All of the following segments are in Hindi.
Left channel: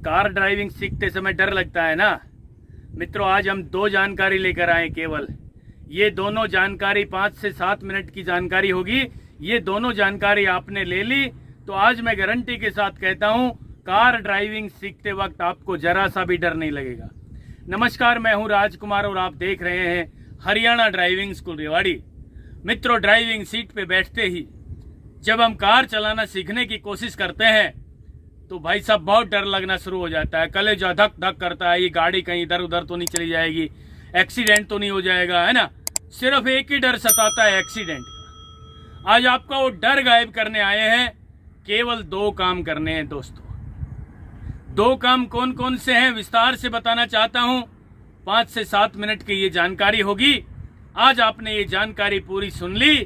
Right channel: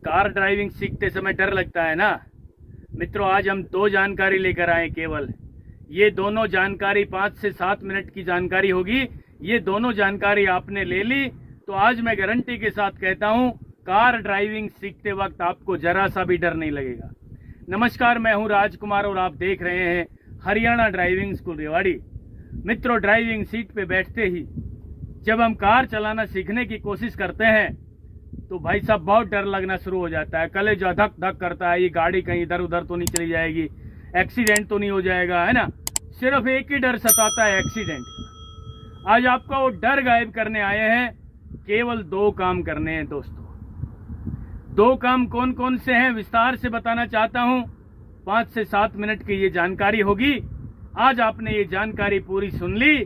कार ड्राइविंग सीखते समय डर लगता है ना मित्रों। आज हम दो जानकारी लेकर आए केवल। ये दोनों जानकारी 5 से 7 मिनट की जानकारी होगी। ये दोनों जानकारी आपने ले ली तो आज मैं गारंटी के साथ कहता हूँ कार ड्राइविंग सीखते वक्त आपको जरा सा भी डर नहीं लगेगा। नमस्कार, मैं हूँ राजकुमार और आप देख रहे हैं हरियाणा ड्राइविंग स्कूल रेवाड़ी। मित्रों, ड्राइविंग सीट पे बैठते ही जब हम कार चलाना सीखने की कोशिश करते हैं तो भाई साहब बहुत डर लगना शुरू हो जाता है। कलेजा धक धक करता है, ये गाड़ी कहीं इधर उधर तो नहीं चली जाएगी, एक्सीडेंट तो नहीं हो जाएगा, है ना। सिर्फ एक ही डर सताता है, एक्सीडेंट का। आज आपका वो डर गायब करने आए हैं। केवल 2 काम करने हैं दोस्तों। 2 काम कौन कौन से हैं विस्तार से बताना चाहता हूं। 5 से 7 मिनट की ये जानकारी होगी। आज आपने ये जानकारी पूरी सुन ली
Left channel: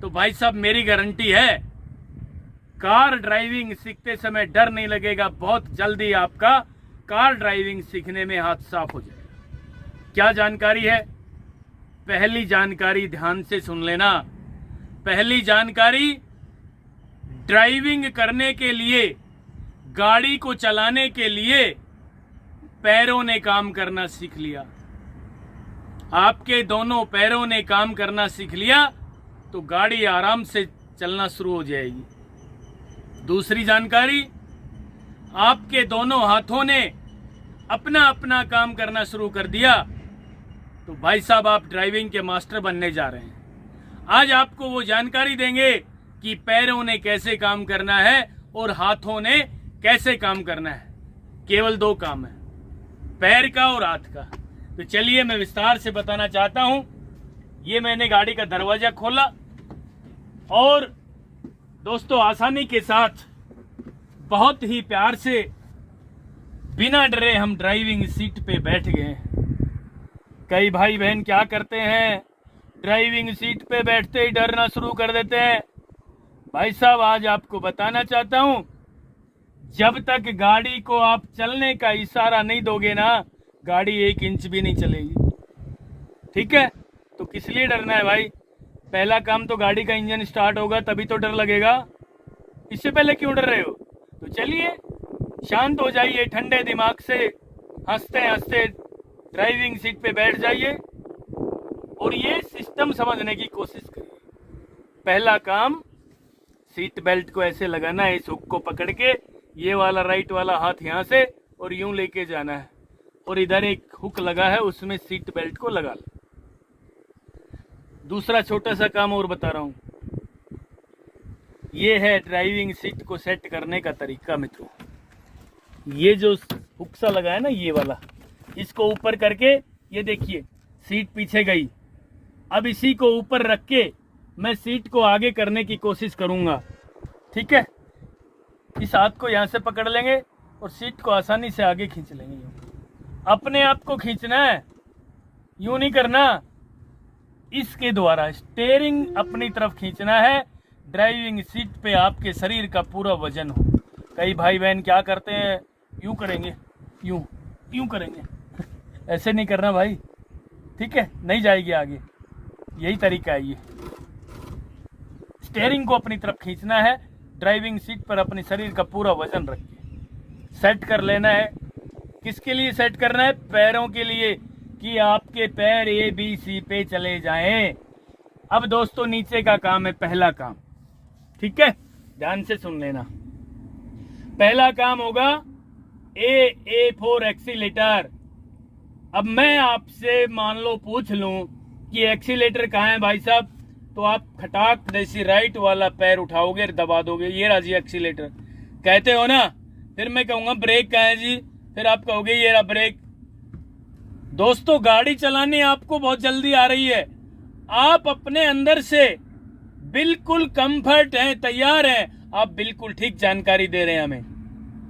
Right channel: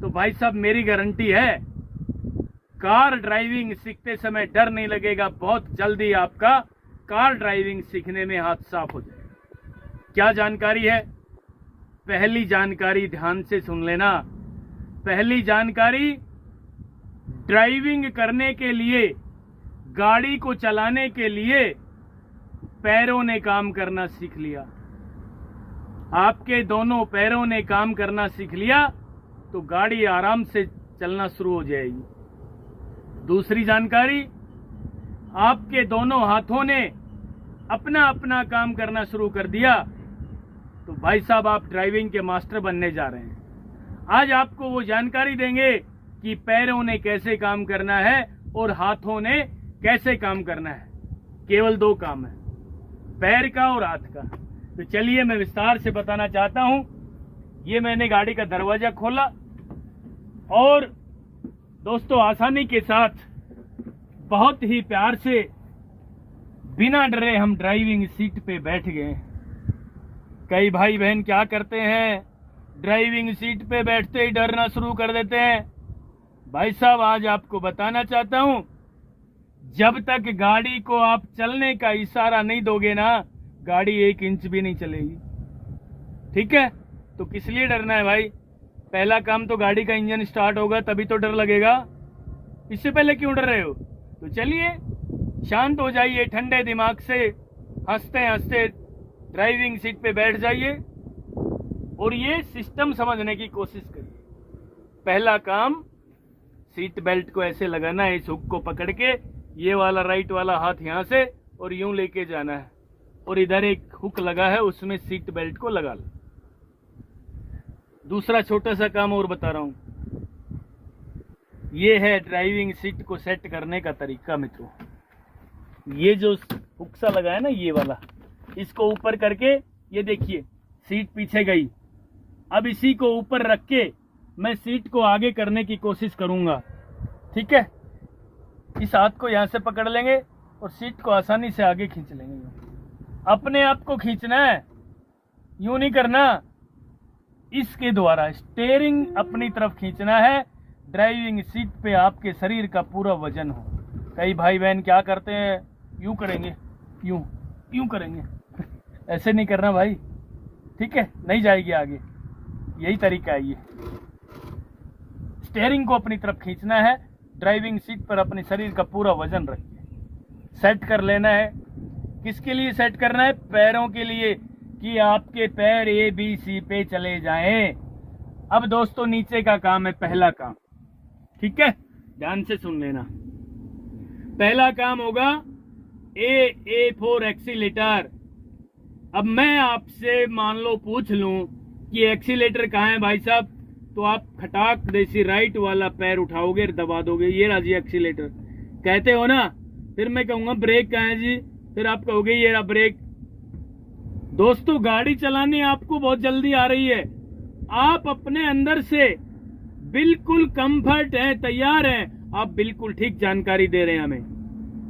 तो भाई साहब मेरी गारंटी है कार ड्राइविंग सीखते समय डर नहीं लगेगा। बहुत जल्दी आपका कार ड्राइविंग सीखने में हाथ साफ हो जाएगा। क्या जानकारी है? पहली जानकारी ध्यान से सुन लेना। पहली जानकारी, ड्राइविंग करने के लिए, गाड़ी को चलाने के लिए पैरों ने काम करना सीख लिया। आपके दोनों पैरों ने काम करना सीख लिया तो गाड़ी आराम से चलना शुरू हो जाएगी। दूसरी जानकारी, आपके दोनों हाथों ने अपना अपना काम करना शुरू कर दिया तो भाई साहब आप ड्राइविंग के मास्टर बनने जा रहे हैं। आज आपको वो जानकारी देंगे कि पैरों ने कैसे काम करना है और हाथों ने कैसे काम करना है। केवल 2 काम है, पैर का और हाथ का। तो चलिए मैं विस्तार से बताना चाहता हूं। ये मैंने गाड़ी का दरवाजा खोला और दोस्तों आसानी के साथ बहुत ही प्यार से बिना डरे हम ड्राइविंग सीट पे बैठ गए। कई भाई बहन क्या करते हैं, ड्राइविंग सीट पे बैठते ही डरना शुरू कर देते हैं। भाई साहब आज आपको बताना चाहता हूं, जब तक गाड़ी को आप चलने का इशारा नहीं दोगे ना, गाड़ी 1 इंच भी नहीं चलेगी। ठीक है, तो किस लिए डरना है भाई? पहला काम तो गाड़ी का इंजन स्टार्ट होगा तभी तो डर लगेगा। इससे पहले क्यों डर रहे हो? तो चलिए शांत हो जाइए, ठंडे दिमाग से हंसते हंसते ड्राइविंग सीट पे बैठ जाइए और ये सिस्टम समझने की कोशिश करिए। पहला काम, सीट बेल्ट को ऐसे लगाना है, इस हुक को पकड़ के ये वाला राइट वाला हाथ यहाँ से और यूं लेके जाना है और इधर एक हुक लगा है उसमें सीट बेल्ट को लगा लो। दूसरा छोटा सा काम और बता रहा हूं, ये है ड्राइविंग सीट को सेट करने का तरीका। मित्रों, ये जो हुक सा लगा है ना, ये वाला, इसको ऊपर करके, ये देखिए सीट पीछे गई। अब इसी को ऊपर रख के मैं सीट को आगे करने की कोशिश करूंगा। ठीक है, इस हाथ को यहां से पकड़ लेंगे और सीट को आसानी से आगे खींच लेंगे। अपने आप को खींचना है, यूं नहीं करना। इसके द्वारा स्टीयरिंग अपनी तरफ खींचना है। ड्राइविंग सीट पे आपके शरीर का पूरा वजन हो। कई भाई बहन क्या करते हैं, यूं करेंगे, यूं करेंगे ऐसे नहीं करना भाई। ठीक है, नहीं जाएगी आगे। यही तरीका है। ये स्टीयरिंग को अपनी तरफ खींचना है, ड्राइविंग सीट पर अपने शरीर का पूरा वजन रख के सेट कर लेना है। किसके लिए सेट करना है? पैरों के लिए, कि आपके पैर ABC पे चले जाएं। अब दोस्तों नीचे का काम है पहला काम। ठीक है, ध्यान से सुन लेना। पहला काम होगा A फॉर एक्सीलेटर। अब मैं आपसे मान लो पूछ लूं कि एक्सीलेटर कहाँ है भाई साहब, तो आप खटाक जैसी राइट वाला पैर उठाओगे, दबा दोगे, ये रहा जी एक्सीलेटर। कहते हो ना, फिर मैं कहूंगा ब्रेक कहाँ है जी, फिर आप कहोगे ये रहा ब्रेक। दोस्तों गाड़ी चलाने आपको बहुत जल्दी आ रही है, आप अपने अंदर से बिल्कुल कंफर्ट हैं, तैयार हैं। आप बिल्कुल ठीक जानकारी दे रहे हैं हमें।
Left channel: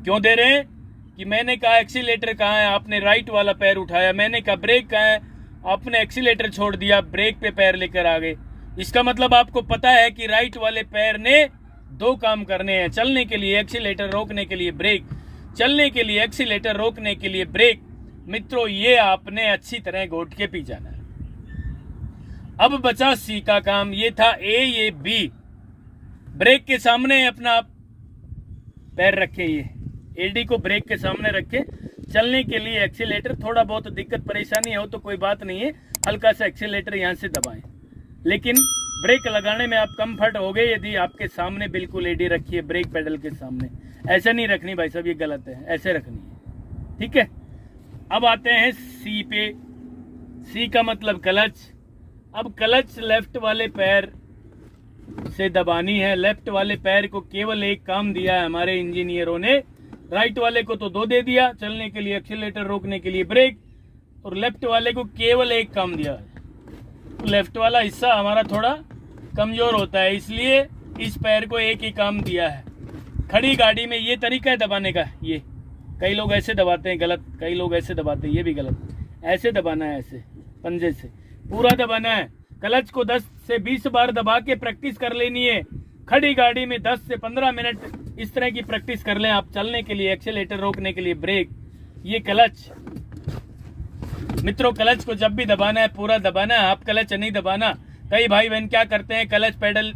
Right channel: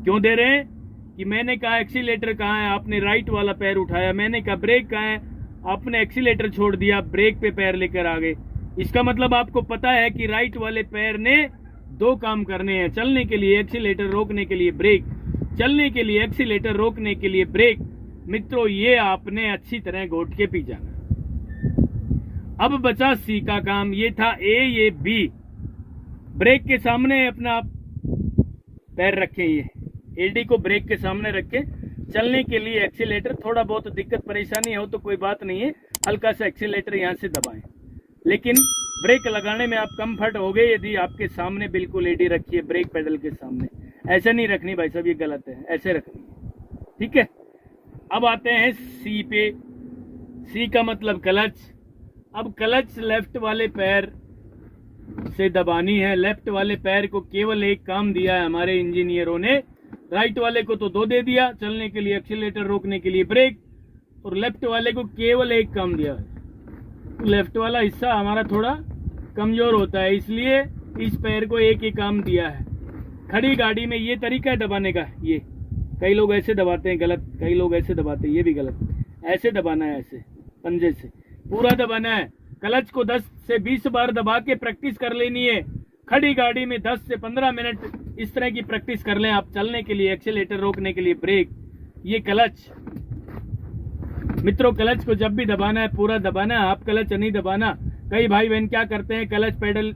क्यों दे रहे हैं? कि मैंने कहा एक्सीलेटर कहाँ है, आपने राइट वाला पैर उठाया। मैंने कहा ब्रेक कहाँ है, आपने एक्सीलेटर छोड़ दिया, ब्रेक पे पैर लेकर आ गए। इसका मतलब आपको पता है कि राइट वाले पैर ने 2 काम करने हैं। चलने के लिए एक्सीलेटर, रोकने के लिए ब्रेक। चलने के लिए एक्सीलेटर, रोकने के लिए ब्रेक। मित्रों ये आपने अच्छी तरह घोट के पी जाना है। अब बचा C का काम। ये था A, ये B। ब्रेक के सामने अपना पैर रखे, ये एडी को ब्रेक के सामने रख के चलने के लिए एक्सीलेटर, थोड़ा बहुत दिक्कत परेशानी हो तो कोई बात नहीं है, हल्का सा एक्सीलेटर यहाँ से दबाएं, लेकिन ब्रेक लगाने में आप कंफर्ट हो गए यदि आपके सामने बिल्कुल एडी रखिए ब्रेक पेडल के सामने। ऐसे नहीं रखनी भाई साहब, ये गलत है, ऐसे रखनी है। ठीक है, अब आते हैं सी पे। सी का मतलब क्लच। अब क्लच लेफ्ट वाले पैर से दबानी है। लेफ्ट वाले पैर को केवल एक काम दिया है हमारे इंजीनियरों ने, राइट वाले को तो 2 दे दिया, चलने के लिए एक्सीलेटर, रोकने के लिए ब्रेक, और लेफ्ट वाले को केवल एक काम दिया है। लेफ्ट वाला हिस्सा हमारा थोड़ा कमजोर होता है, इसलिए इस पैर को एक ही काम दिया है। खड़ी गाड़ी में ये तरीका है दबाने का, ये कई लोग ऐसे दबाते हैं, गलत, कई लोग ऐसे दबाते हैं, ये भी गलत। ऐसे दबाना है, ऐसे पंजे से पूरा दबाना है। क्लच को 10 से 20 बार दबा के प्रैक्टिस कर लेनी है। खड़ी गाड़ी में 10 से 15 मिनट इस तरह की प्रैक्टिस कर लें आप, चलने के लिए एक्सीलेटर, रोकने के लिए ब्रेक, ये क्लच। मित्रों, क्लच को जब भी दबाना है पूरा दबाना है, आप क्लच नहीं दबाना। कई भाई बहन क्या करते हैं, क्लच पेडल,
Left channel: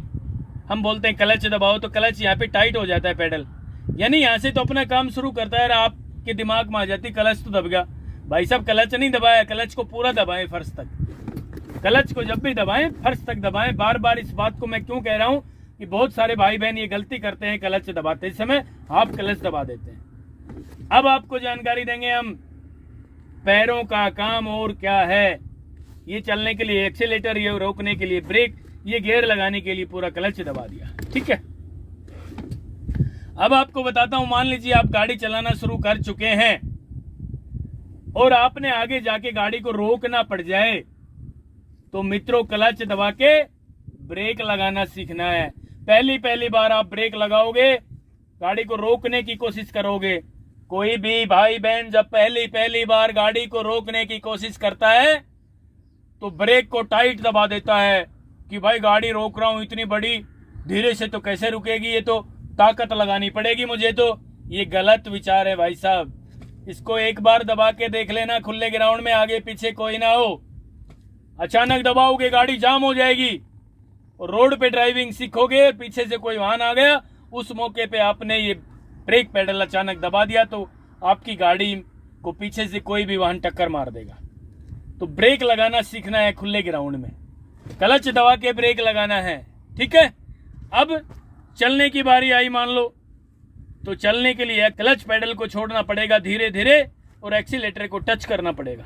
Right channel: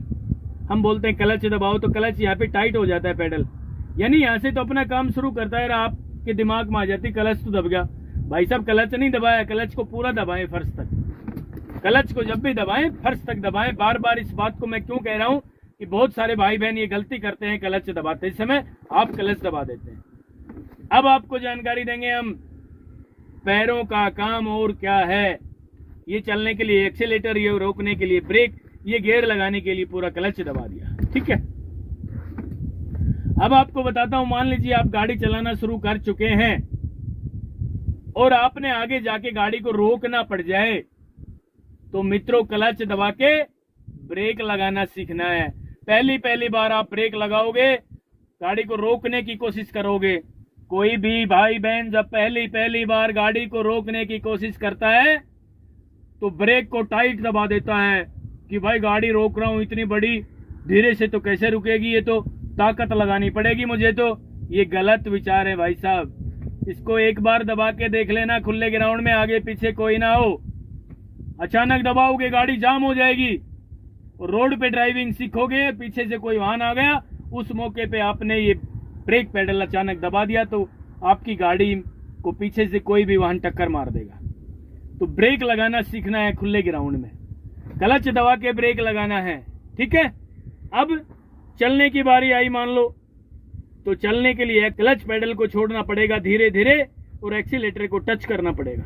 हम बोलते हैं क्लच दबाओ तो क्लच यहाँ पे टाइट हो जाता है पेडल, यानी यहाँ से तो अपना काम शुरू करता है, आपके दिमाग में आ जाती क्लच तो दब गया। भाई साहब क्लच नहीं दबाया, क्लच को पूरा दबाएं फर्श तक। क्लच को जब भी दबाएं फर्श तक दबाएं। बार बार इस बात को मैं क्यों कह रहा हूं कि बहुत सारे भाई बहन ये गलती करते हैं, क्लच दबाते समय आप क्लच दबा देते हैं। अब आपको जानकारी देंगे हम पैरों का काम और क्या है। ये चलने के लिए एक्सीलेटर, ये रोकने के लिए ब्रेक, ये गियर लगाने के लिए पूरा क्लच दबा दिया। ठीक है, अब आपको बताता हूं, मान लीजिए आप गाड़ी चलाना शुरू कर चुके हैं और आपने आगे जाके गाड़ी को रोकना पड़ जाए, तो मित्रों क्लच दबा के ब्रेक लगाना सीखना है। पहली बार आप ब्रेक लगाओगे, गाड़ी को रोकने की कोशिश करोगे। कोई भी भाई बहन जब पहली बार गाड़ी को रोकने की कोशिश करता है तो ब्रेक को टाइट दबा देता है कि भाई गाड़ी रोक रहा हूं इतनी बड़ी, धीरे से तो कैसे रुकेगी, ये तो ताकत लगानी पड़ेगी मुझे। तो ये गलत विचार है भाई साहब। इसको एक बार दबा के देख लेना, खुले ग्राउंड में आगे पीछे कोई ना हो, अचानक दबाओगे गाड़ी जाम हो जाएगी। और रोड पे ड्राइविंग सीखोगे, पीछे से कोई वाहन आ गया, उस मौके पे आपने ये ब्रेक पेडल अचानक दबा दिया तो आपकी गाड़ी को पीछे से कोई भी वाहन टक्कर मार देगा। तो ब्रेक लगाना सीखना है खुले ग्राउंड में, क्लच दबा के ब्रेक लगाना है। ठीक है, अब चलने की बारी आई मान लो, तो चलने के लिए क्लच पेडल को छोड़ना पड़ेगा धीरे धीरे और एक्सीलेटर को टच करना पड़ेगा।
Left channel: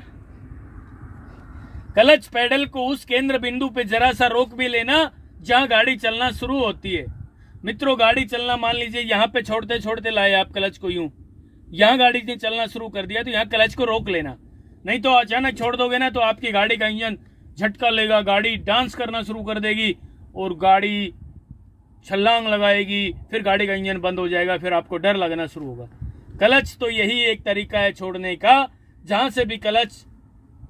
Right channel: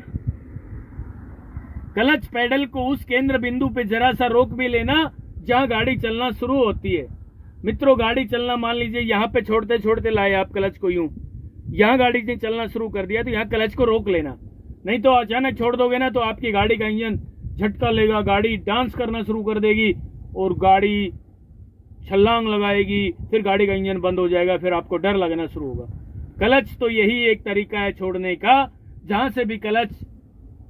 क्लच पेडल को उस केंद्र बिंदु पे जरा सा रोक भी लेना जहां गाड़ी चलना शुरू होती है। मित्रों, गाड़ी चलना मान लीजिए यहाँ पे छोड़ते छोड़ते लाए आप क्लच को, यूं यहाँ गाड़ी ने चलना शुरू कर दिया तो यहाँ क्लच को रोक लेना, नहीं तो अचानक छोड़ दोगे ना तो आपकी गाड़ी का इंजन झटका लेगा, गाड़ी डांस करना शुरू कर देगी और गाड़ी छलांग लगाएगी, फिर गाड़ी का इंजन बंद हो जाएगा, फिर आपको डर लगना शुरू होगा। क्लच तो यही एक तरीका है छोड़ने का, जहां से भी क्लच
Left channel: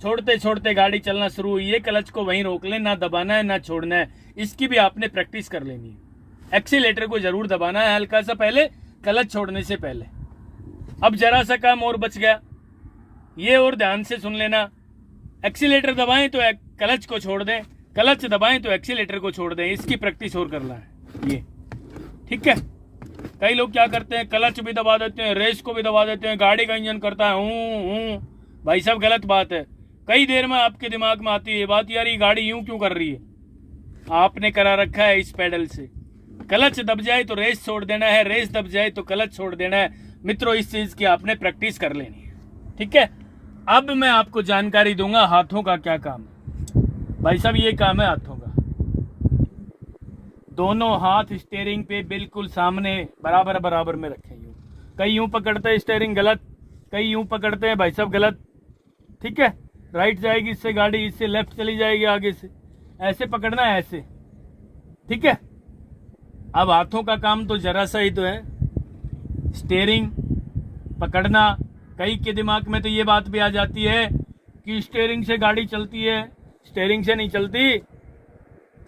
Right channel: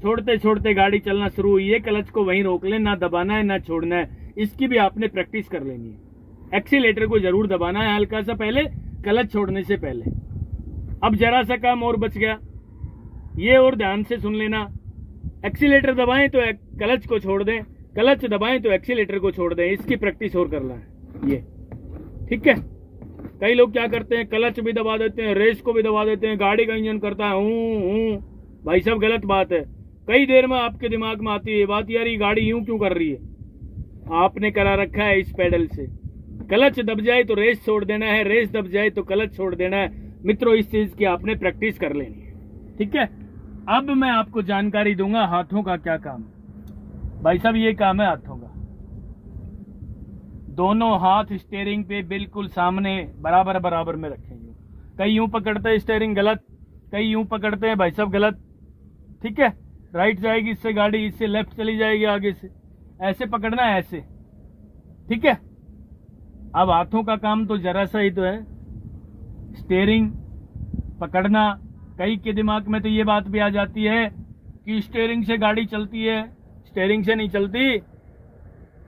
छोड़ते छोड़ते गाड़ी चलना शुरू हुई है, क्लच को वहीं रोक ले, ना दबाना है ना छोड़ना है। इसकी भी आपने प्रैक्टिस कर लेनी है। एक्सीलेटर को जरूर दबाना है हल्का सा पहले, क्लच छोड़ने से पहले। अब जरा सा काम और बच गया, ये और ध्यान से सुन लेना। एक्सीलेटर दबाएं तो क्लच को छोड़ दें, क्लच दबाएं तो एक्सीलेटर को छोड़ दें, इसकी प्रैक्टिस और करना है ये। ठीक है, कई लोग क्या करते हैं, क्लच भी दबा देते हैं, रेस को भी दबा देते हैं, गाड़ी का इंजन करता है हूं। भाई साहब गलत बात है। कई देर में आपके दिमाग में आती है बात, यार ये गाड़ी यूं क्यों कर रही है। आपने करा रखा है इस पेडल से, क्लच दब जाए तो रेस छोड़ देना है, रेस दब जाए तो क्लच छोड़ देना है। मित्रों, इस चीज की आपने प्रैक्टिस कर लेनी है। ठीक है, अब मैं आपको जानकारी दूंगा हाथों का क्या काम है। भाई साहब ये काम है हाथों का, दोनों हाथ स्टीयरिंग पे बिल्कुल सामने बराबर बराबर में रखें। यूं कई यूं पकड़ते हैं स्टीयरिंग गलत, कई यूं पकड़ते हैं भाई साहब गलत। ठीक है, राइट जाएगी इससे गाड़ी, इससे लेफ्ट चली जाएगी आगे से, ऐसे पकड़ना है ऐसे। ठीक है, अब हाथों का काम तो जरा सा ही तो है, स्टीयरिंग पकड़ना। कई के दिमाग में तो ये बात भी आ जाती है कि स्टीयरिंग से गाड़ी चलती है, स्टीयरिंग से नहीं चलती।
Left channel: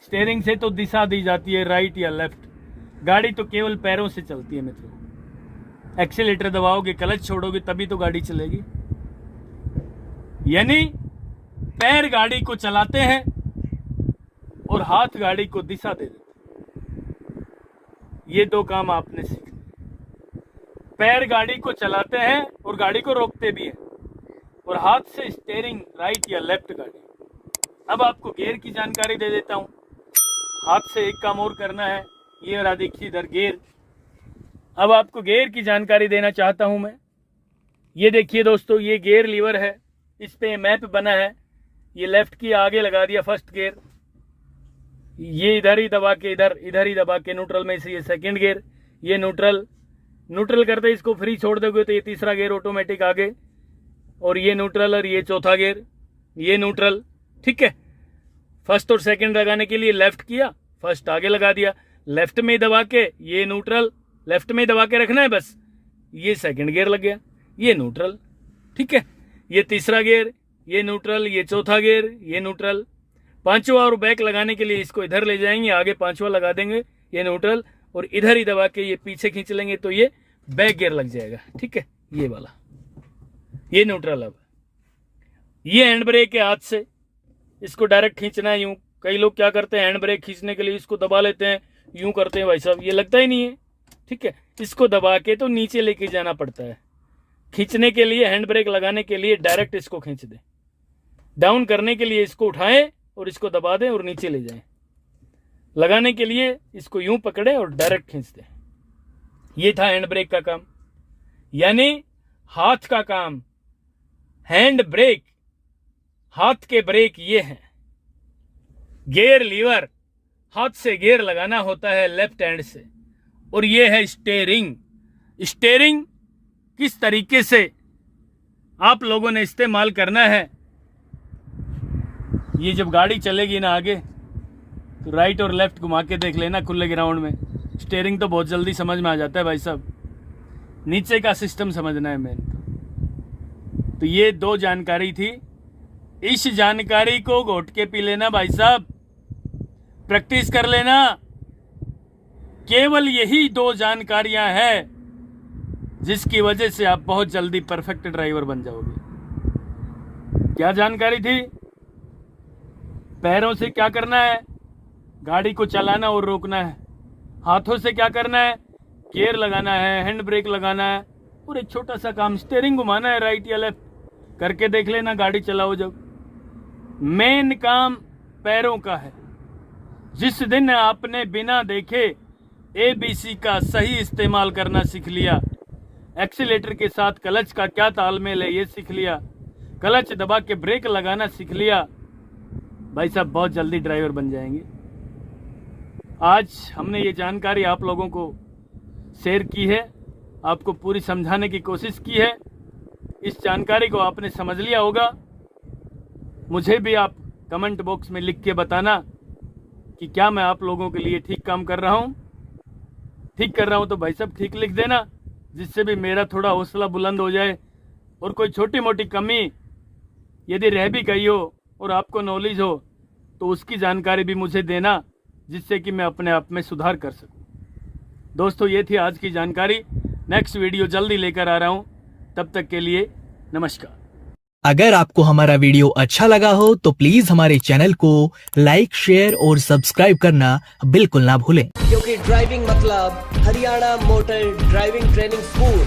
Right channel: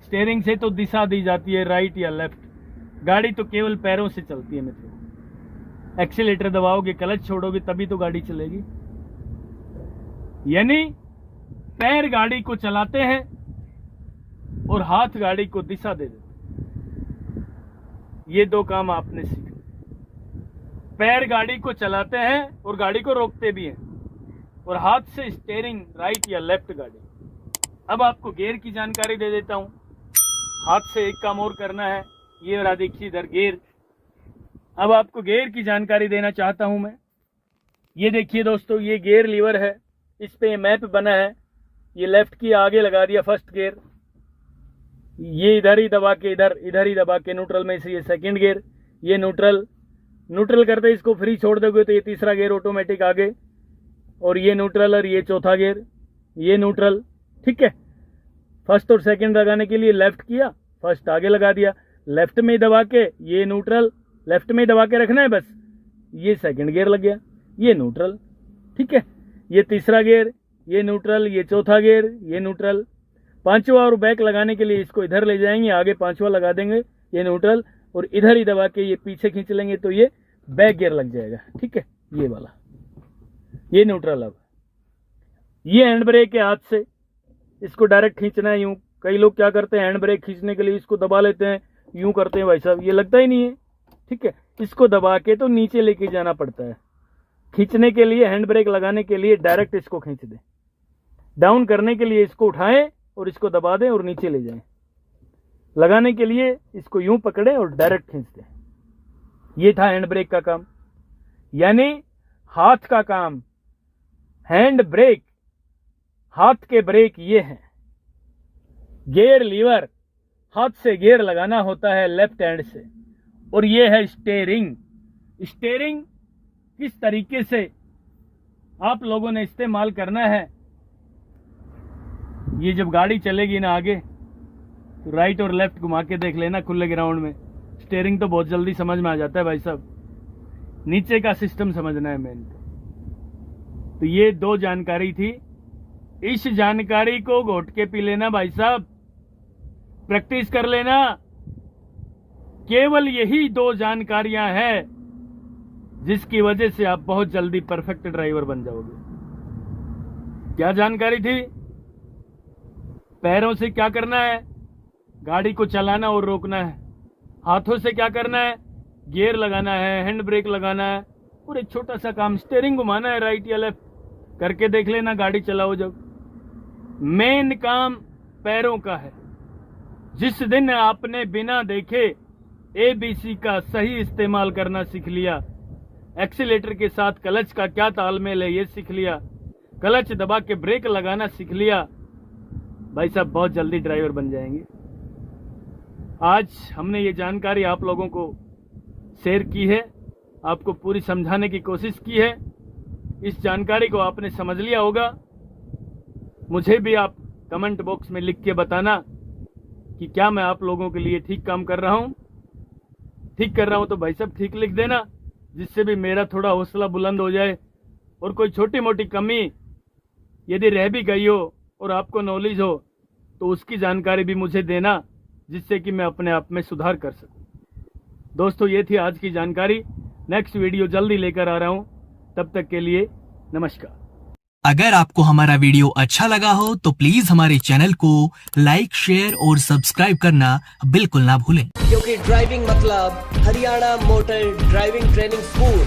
स्टीयरिंग से तो दिशा दी जाती है राइट या लेफ्ट, गाड़ी तो केवल पैरों से चलती है। मित्रों, एक्सीलेटर दबाओगे, क्लच छोड़ोगे तभी तो गाड़ी चलेगी। यानी पैर गाड़ी को चलाते हैं और हाथ गाड़ी को दिशा दे देते हैं। ये दो काम आपने सीखे। पैर गाड़ी को चलाते हैं और गाड़ी को रोकते भी हैं, और हाथ से स्टीयरिंग राइट या लेफ्ट गाड़ी। अब आपको गियर की जानकारी दे देता हूँ। हाथ से एक काम और करना है, ये रहा देखिए इधर गियर। अब आपको गियर की जानकारी देना चाहता हूँ मैं। ये देखिए दोस्तों, ये गियर लीवर है, इस पे मैप बना है। ये लेफ्ट की आगे लगा दिया फर्स्ट गियर, ये इधर ही दबा के इधर ही दबा के न्यूट्रल में से ये सेकंड गियर, ये न्यूट्रल करते इसको फ्री छोड़ दोगे तो ये तीसरा गियर ऑटोमेटिक आगे, और ये न्यूट्रल और ये चौथा गियर, ये न्यूट्रल। ठीक है, फर्स्ट और सेकंड लगाने के लिए लेफ्ट किया, फर्स्ट आगे लगा दिया, लेफ्ट में दबा के ये न्यूट्रल, लेफ्ट में दबा के रखना है बस, ये सेकंड गियर लग गया, ये न्यूट्रल। ठीक है, ये तीसरा गियर, ये न्यूट्रल, ये चौथा गियर, ये न्यूट्रल। पांचवा और बैक लगाने के लिए इसको इधर ले जाएंगे, आगे पांचवा लगा देंगे, ये न्यूट्रल, और इधर ही दबा के ये पीछे खींच लेंगे तो ये बैक गियर लग जाएगा। ठीक है, ये वाला, ये न्यूट्रल। अब ये हैंड ब्रेक है, हाथ से इसको डायरेक्ट खींचना है यूं। कई लोग क्या करते हैं, हैंड ब्रेक खींचने के लिए इसको दबा लेते हैं, यूं करते हैं, भाई साहब ये लगता ही नहीं है। ठीक है, इसको दबा के तो नीचे लेके जाना पड़ता है। खींचने के लिए, हैंड ब्रेक लगाने के लिए डायरेक्ट इसको खींच दें, डाउन करने के लिए इसको उठाएं और इसको दबा दें और नीचे ले जाएं। लगाने के लिए इसको यूं पकड़े और डायरेक्ट खींच दें। ये था हैंड ब्रेक का काम, यानी हाथ का काम। हैंड ब्रेक, हाथ के ब्रेक ये हैं। गियर लीवर, हाथ से गियर लगाना होता है लेफ्ट हैंड से, और ये है स्टीयरिंग। स्टीयरिंग किस तरीके से आप लोगों ने इस्तेमाल करना है, ये जब गाड़ी चलेगी ना आगे तो राइट और लेफ्ट घुमा के देख लेना खुले ग्राउंड में। स्टीयरिंग तो बहुत जल्दी समझ में आ जाता है भाई साहब, नीचे का सिस्टम समझना है मेन। तो ये दो जानकारी थी, इस जानकारी को घोट के पी लेना भाई साहब, प्रैक्टिस कर लेना। केवल यही दो जानकारियां हैं जिसकी वजह से आप बहुत जल्दी परफेक्ट ड्राइवर बन जाओगे। क्या जानकारी थी? पैरों से क्या करना है, गाड़ी को चलाना और रोकना है। हाथों से क्या करना है, गियर लगाना है, हैंड ब्रेक लगाना है, और एक छोटा सा काम स्टीयरिंग घुमाना है राइट या लेफ्ट। करके देख लेना गाड़ी चलाओ जब। मेन काम पैरों का है। जिस दिन आपने बिना देखे ABC का सही इस्तेमाल करना सीख लिया, एक्सीलेटर के साथ क्लच का क्या तालमेल है ये सीख लिया, क्लच दबा के ब्रेक लगाना सीख लिया, भाई साहब बहुत जल्दी ड्राइवर बन जाएंगे। आज हमने ये जानकारी आप लोगों को शेयर की है, आपको पूरी समझाने की कोशिश की है। इस जानकारी को आपने समझ लिया होगा। मुझे भी आप कमेंट बॉक्स में लिख के बताना कि क्या मैं आप लोगों के लिए ठीक काम कर रहा हूं। ठीक कर रहा हूं तो भाई साहब ठीक लिख देना, जिससे भी मेरा थोड़ा हौसला बुलंद हो जाए। और कोई छोटी मोटी कमी यदि रह भी गई हो और आपको नॉलेज हो तो उसकी जानकारी भी मुझे देना, जिससे कि मैं अपने आप में सुधार कर सकूं। दोस्तों ये थी आज की जानकारी। नेक्स्ट वीडियो जल्दी लेकर आ रहा हूं, तब तक के लिए नमस्कार। अगर आपको हमारा वीडियो अच्छा लगा हो तो प्लीज हमारे चैनल को लाइक, शेयर और सब्सक्राइब करना बिल्कुल ना भूलें, क्योंकि ड्राइविंग मतलब Haryana motor driving training school.